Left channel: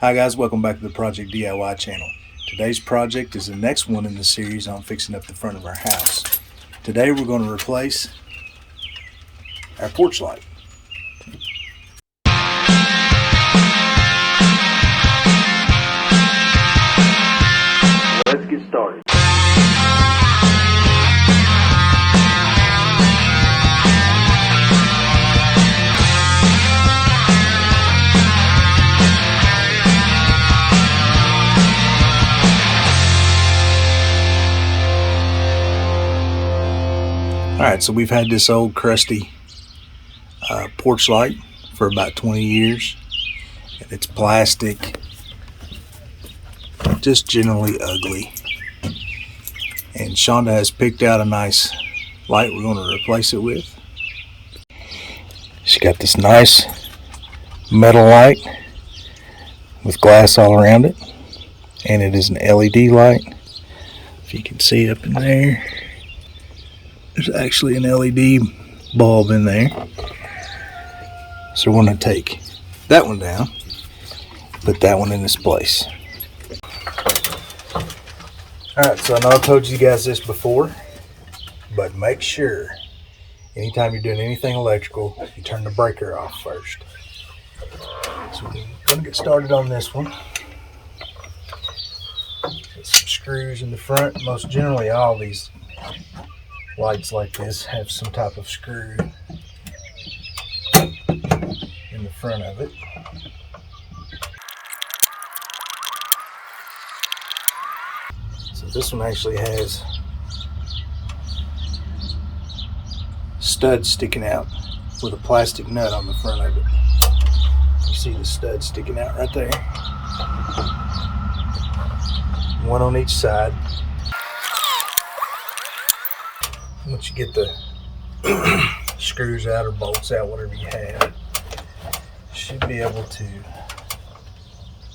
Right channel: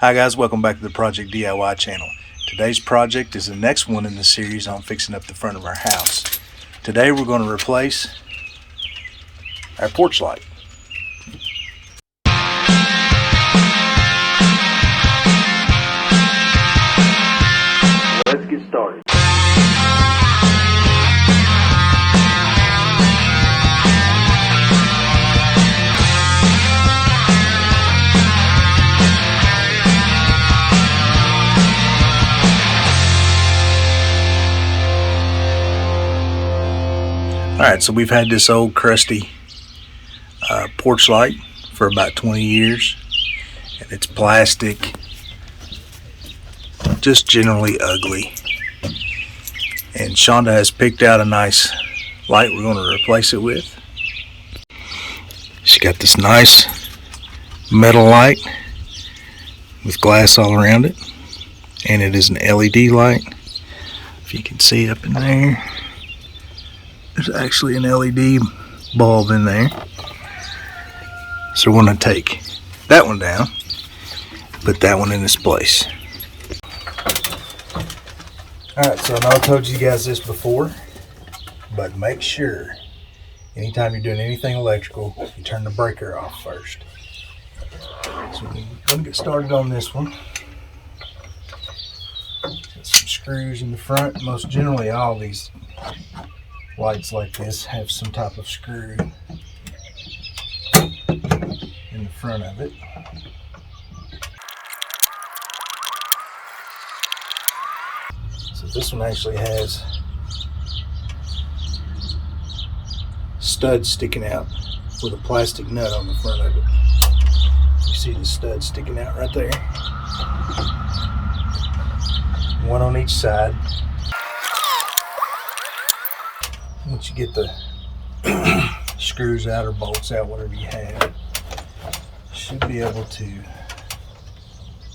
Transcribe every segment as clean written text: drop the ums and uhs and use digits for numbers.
Hi guys, welcome back to the Project DIY channel. Today's project is the next one in the series on fixing up the front of our house. Today we're going to replace our porch light. Let's get started. Alright, so we've had this old crusty porch light for about 20 years, and it's plastic, just generally ugly. And Shonda has picked out a nice light we're going to replace it with. She got this nice metal light with glass all around it, and it is an LED light. If you can see up in there, there's actually an LED bulb in there. So we're going to take that one down, put that one in its place. Alright, so I know I've told you guys this before, but make sure anytime you're doing anything electrical, you turn the breaker off first. So we're going to get started on this one. Got some screws in the front. Most generally all these lights like this have some type of screw in the front of it. So this one actually has studs sticking out with a plastic nut on the front of it. You see the stud sticking out right there. One on each side. Once you get the screws out or bolts out, whatever you have, you should be able to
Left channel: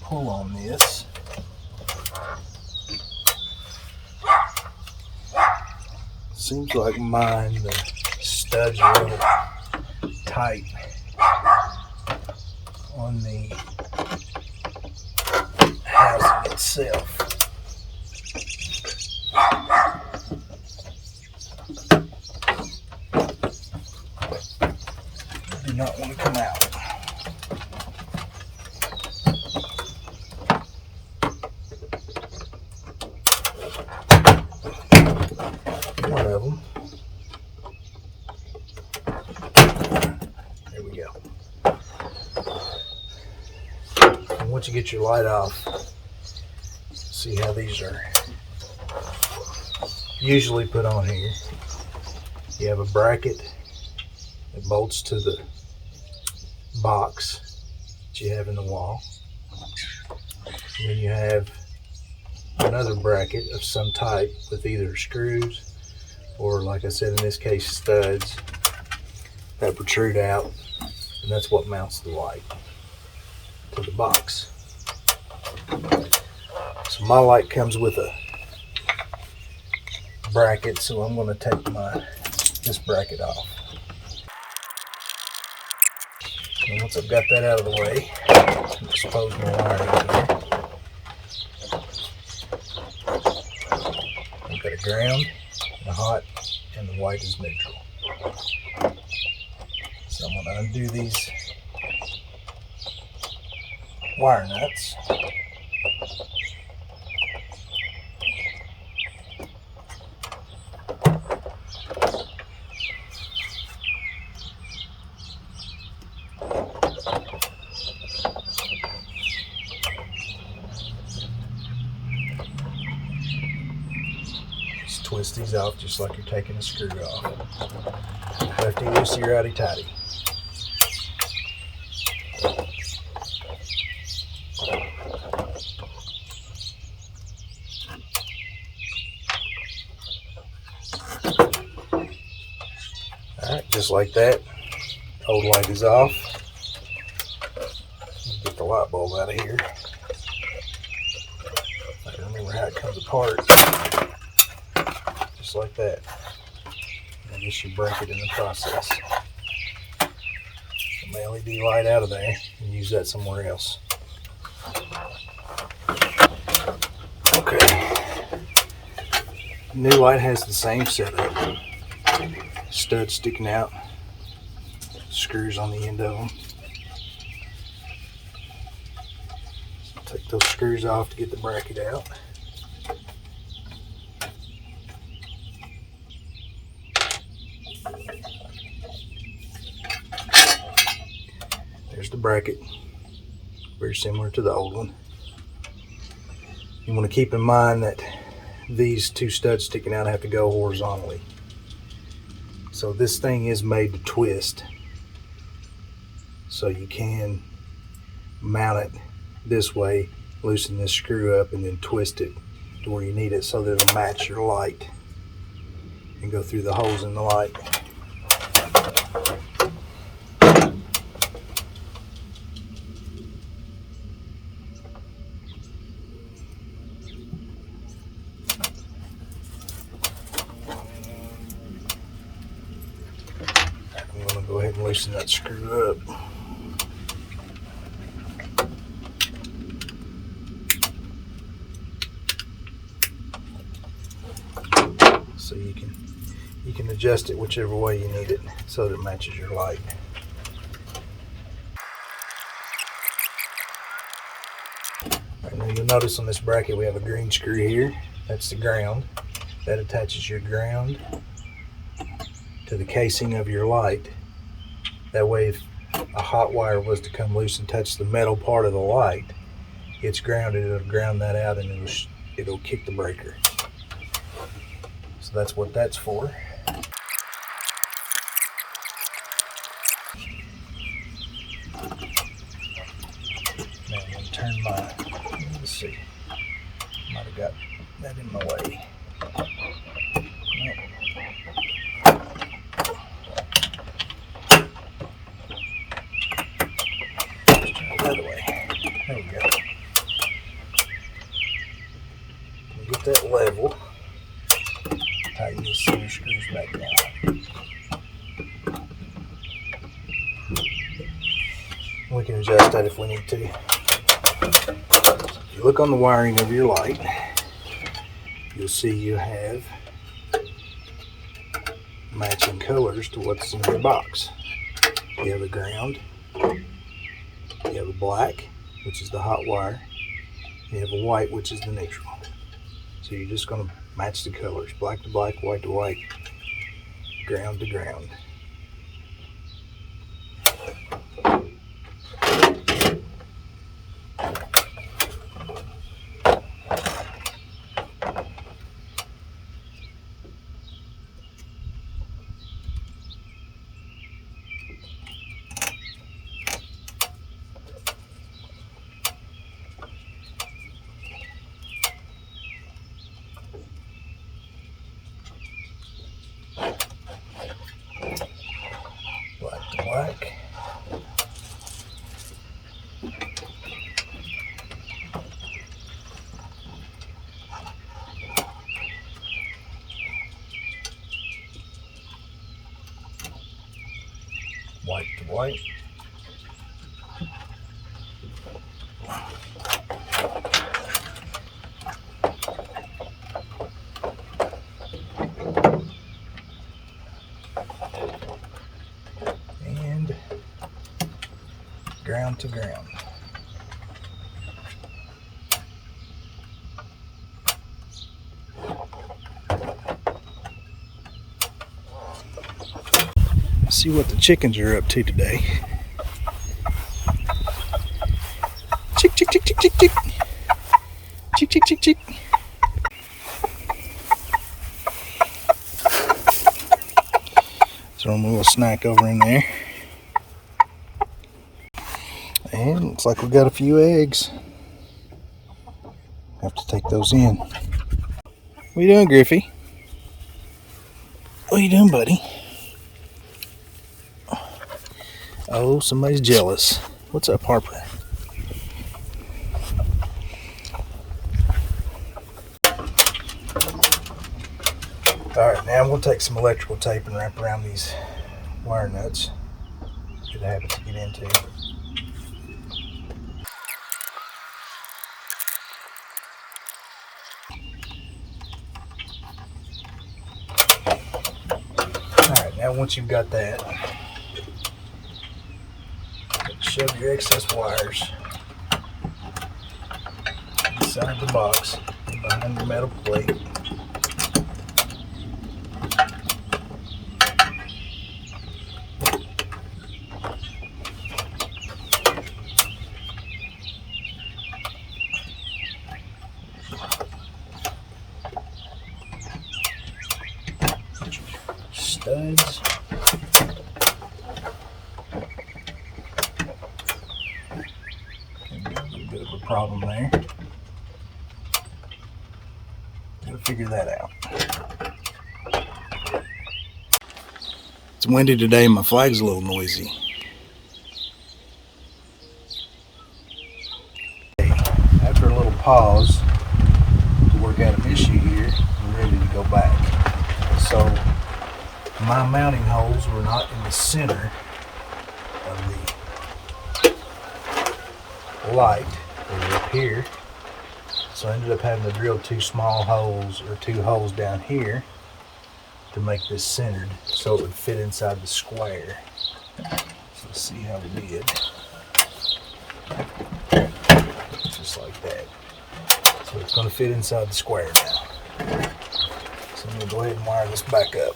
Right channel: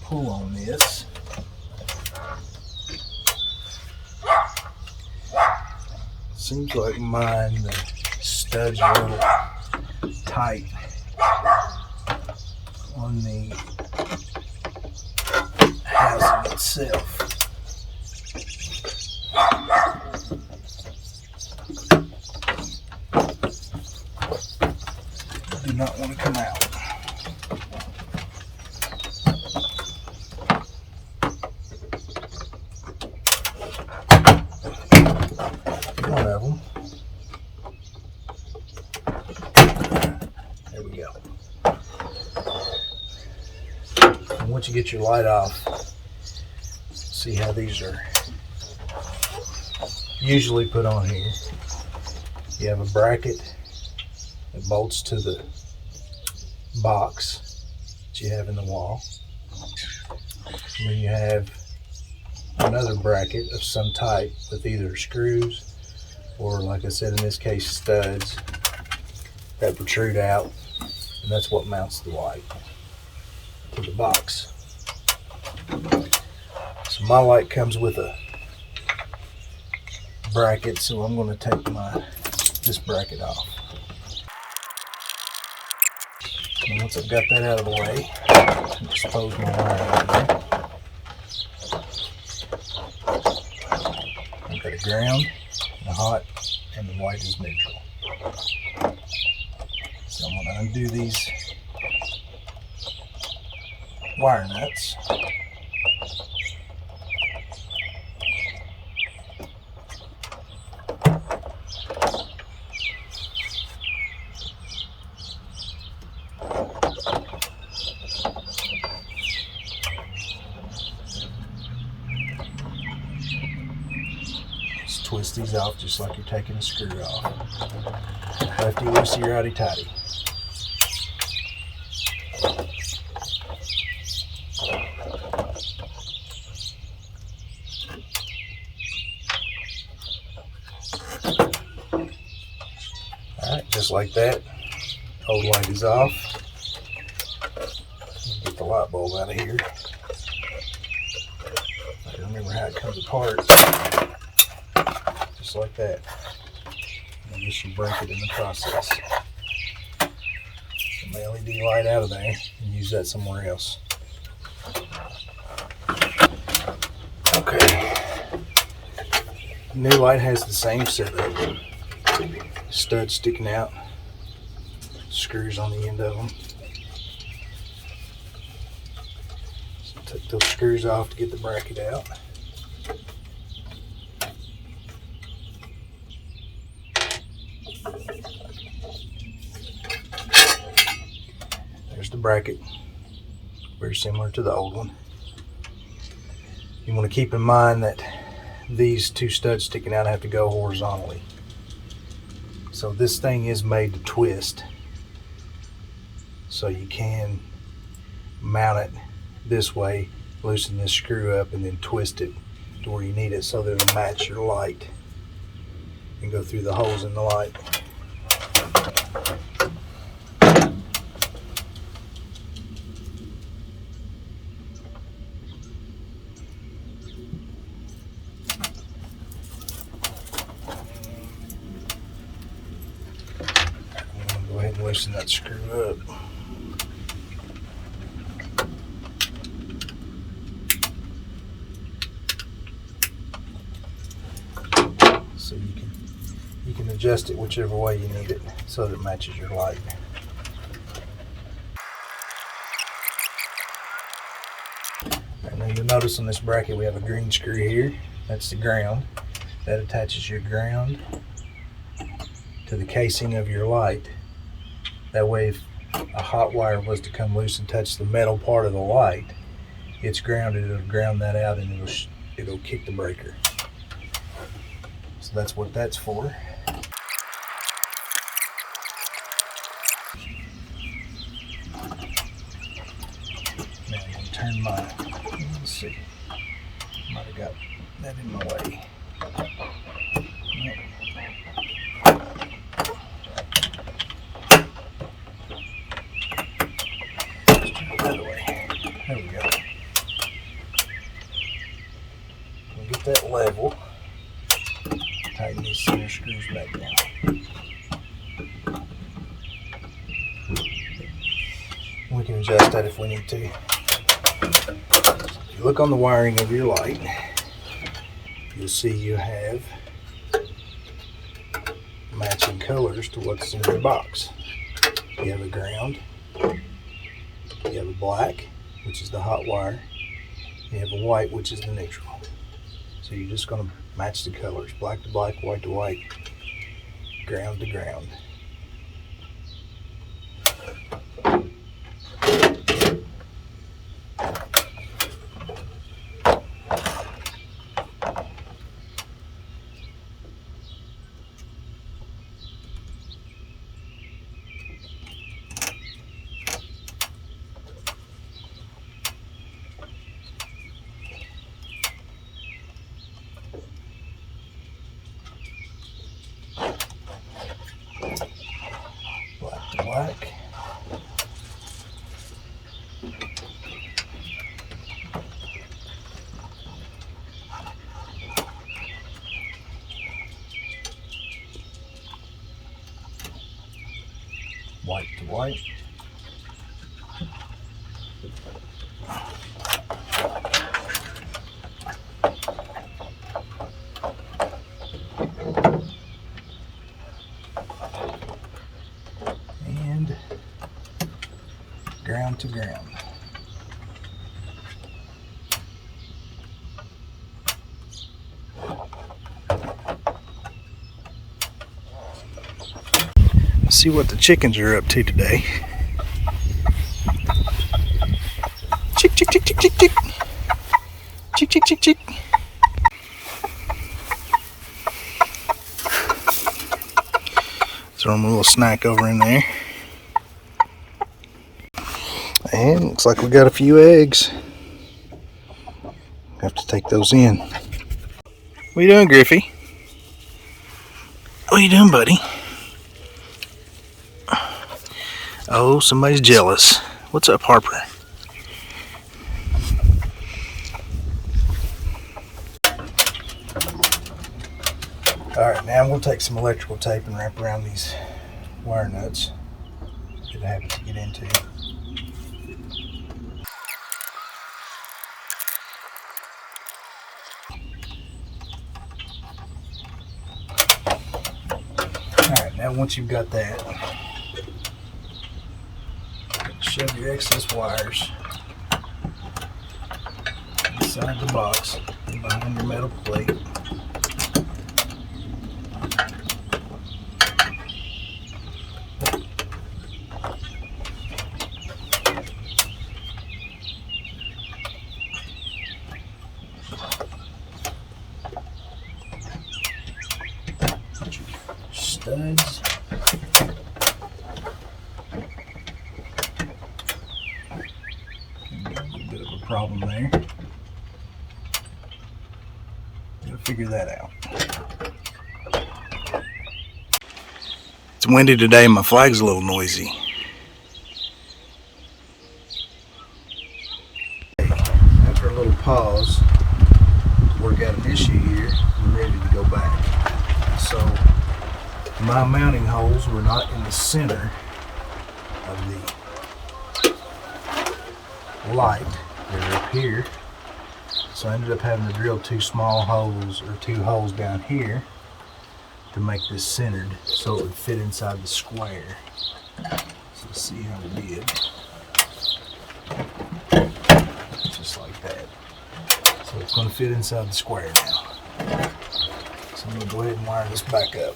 pull on this. Seems like mine, the studs are a little tight on the housing itself. Do not want to come out. One of them. There we go. And once you get your light off, see how these are usually put on here. You have a bracket that bolts to the box that you have in the wall. And then you have another bracket of some type with either screws or, like I said in this case, studs that protrude out, and that's what mounts the light to the box. So my light comes with a bracket, so I'm going to take this bracket off. And once I've got that out of the way, I'll expose my wire over there. I've got a ground, a hot, and the white is neutral. So I'm going to undo these wire nuts. Twist these off just like you're taking a screw off. Lefty loosey, righty tighty. Alright, just like that. Old light is off. Get the light bulb out of here. I remember how it comes apart. Just like that. And I guess you break it in the process. Get my LED light out of there and use that somewhere else. Okay. New light has the same setup. Studs sticking out. Screws on the end of them. So take those screws off to get the bracket out. There's the bracket, very similar to the old one. You want to keep in mind that these two studs sticking out have to go horizontally. So this thing is made to twist. So you can mount it this way, loosen this screw up, and then twist it to where you need it so that it'll match your light and go through the holes in the light. I'm going to go ahead and loosen that screw up. So you can adjust it whichever way you need it so that it matches your light. Right, now you'll notice on this bracket we have a green screw here. That's the ground. That attaches your ground to the casing of your light. That way if a hot wire was to come loose and touch the metal part of the light, it's grounded. It'll ground that out and it'll kick the breaker. So that's what that's for. Now I'm going to turn my, let's see, might have got that in my way. Nope. Let's turn it the other way. There we go. We'll get that level. Tighten these center screws back down. We can adjust that if we need to. If you look on the wiring of your light, you'll see you have matching colors to what's in your box. You have a ground, you have a black, which is the hot wire, you have a white, which is the neutral. So you're just going to match the colors, black to black, white to white, ground to ground. Black to black. White to white. And ground to ground. Let's see what the chickens are up to today. Chick, chick, chick, chick, chick, chick. Chick, chick, chick, chick. Throw them a little snack over in there. And looks like we got a few eggs. Have to take those in. What are you doing, Griffey? What are you doing, buddy? Oh, somebody's jealous. What's up, Harper? Alright, now I'm going to take some electrical tape and wrap around these wire nuts. Good habit to get into. Now once you've got that, shove your excess wires inside the box behind your metal plate. Studs. A little bit of a problem there. Gotta figure that out. It's windy today, my flag's a little noisy. After a little pause to work out an issue here, I'm ready to go back. So my mounting holes were not in the center of the light. They're up here. So I ended up having to drill two small holes, or two holes down here, to make this centered so it would fit inside the square. So let's see how we did. Just like that. So it's going to fit inside the square now. So I'm going to go ahead and wire this back up.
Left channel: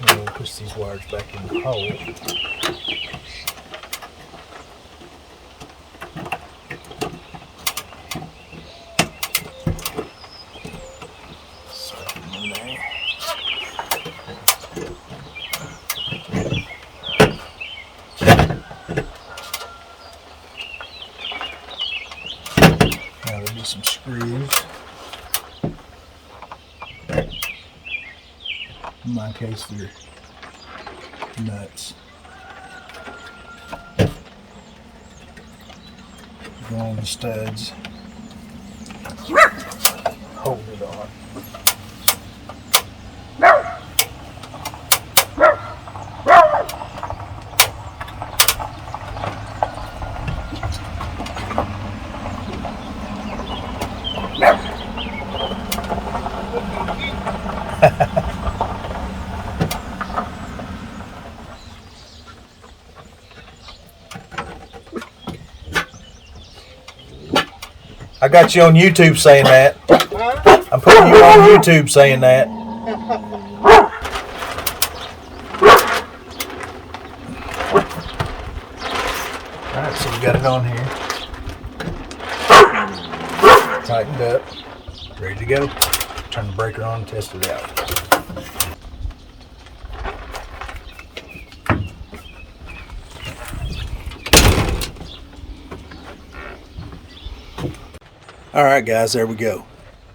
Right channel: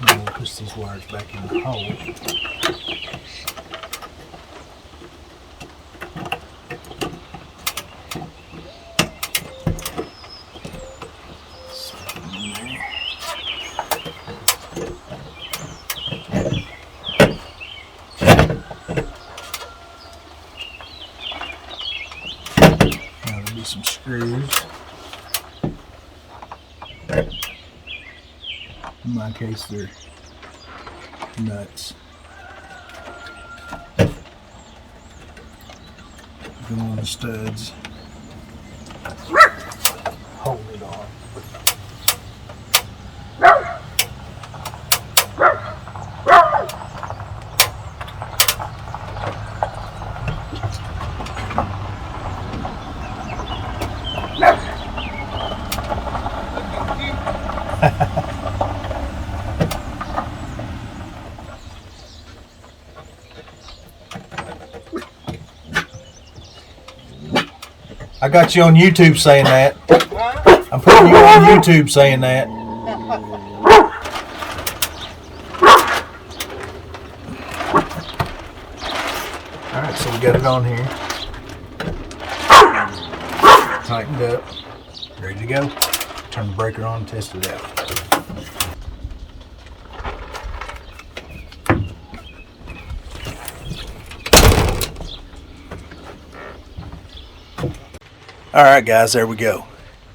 Now we'll push these wires back in the hole. Slap them in there. Now there'll be some screws. In my case, they're nuts. Go on the studs. Hold it on. I got you on YouTube saying that. I'm putting you on YouTube saying that. Alright, so we got it on here. Tightened up. Ready to go. Turn the breaker on and test it out. Alright guys, there we go.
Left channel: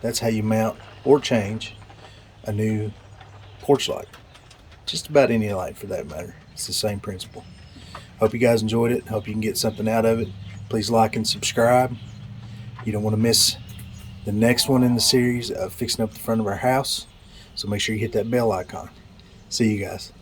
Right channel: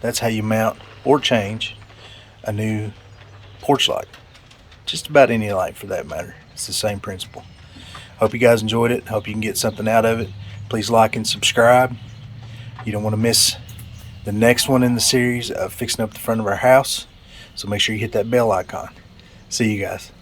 That's how you mount or change a new porch light. Just about any light for that matter. It's the same principle. Hope you guys enjoyed it. Hope you can get something out of it. Please like and subscribe. You don't want to miss the next one in the series of fixing up the front of our house. So make sure you hit that bell icon. See you guys.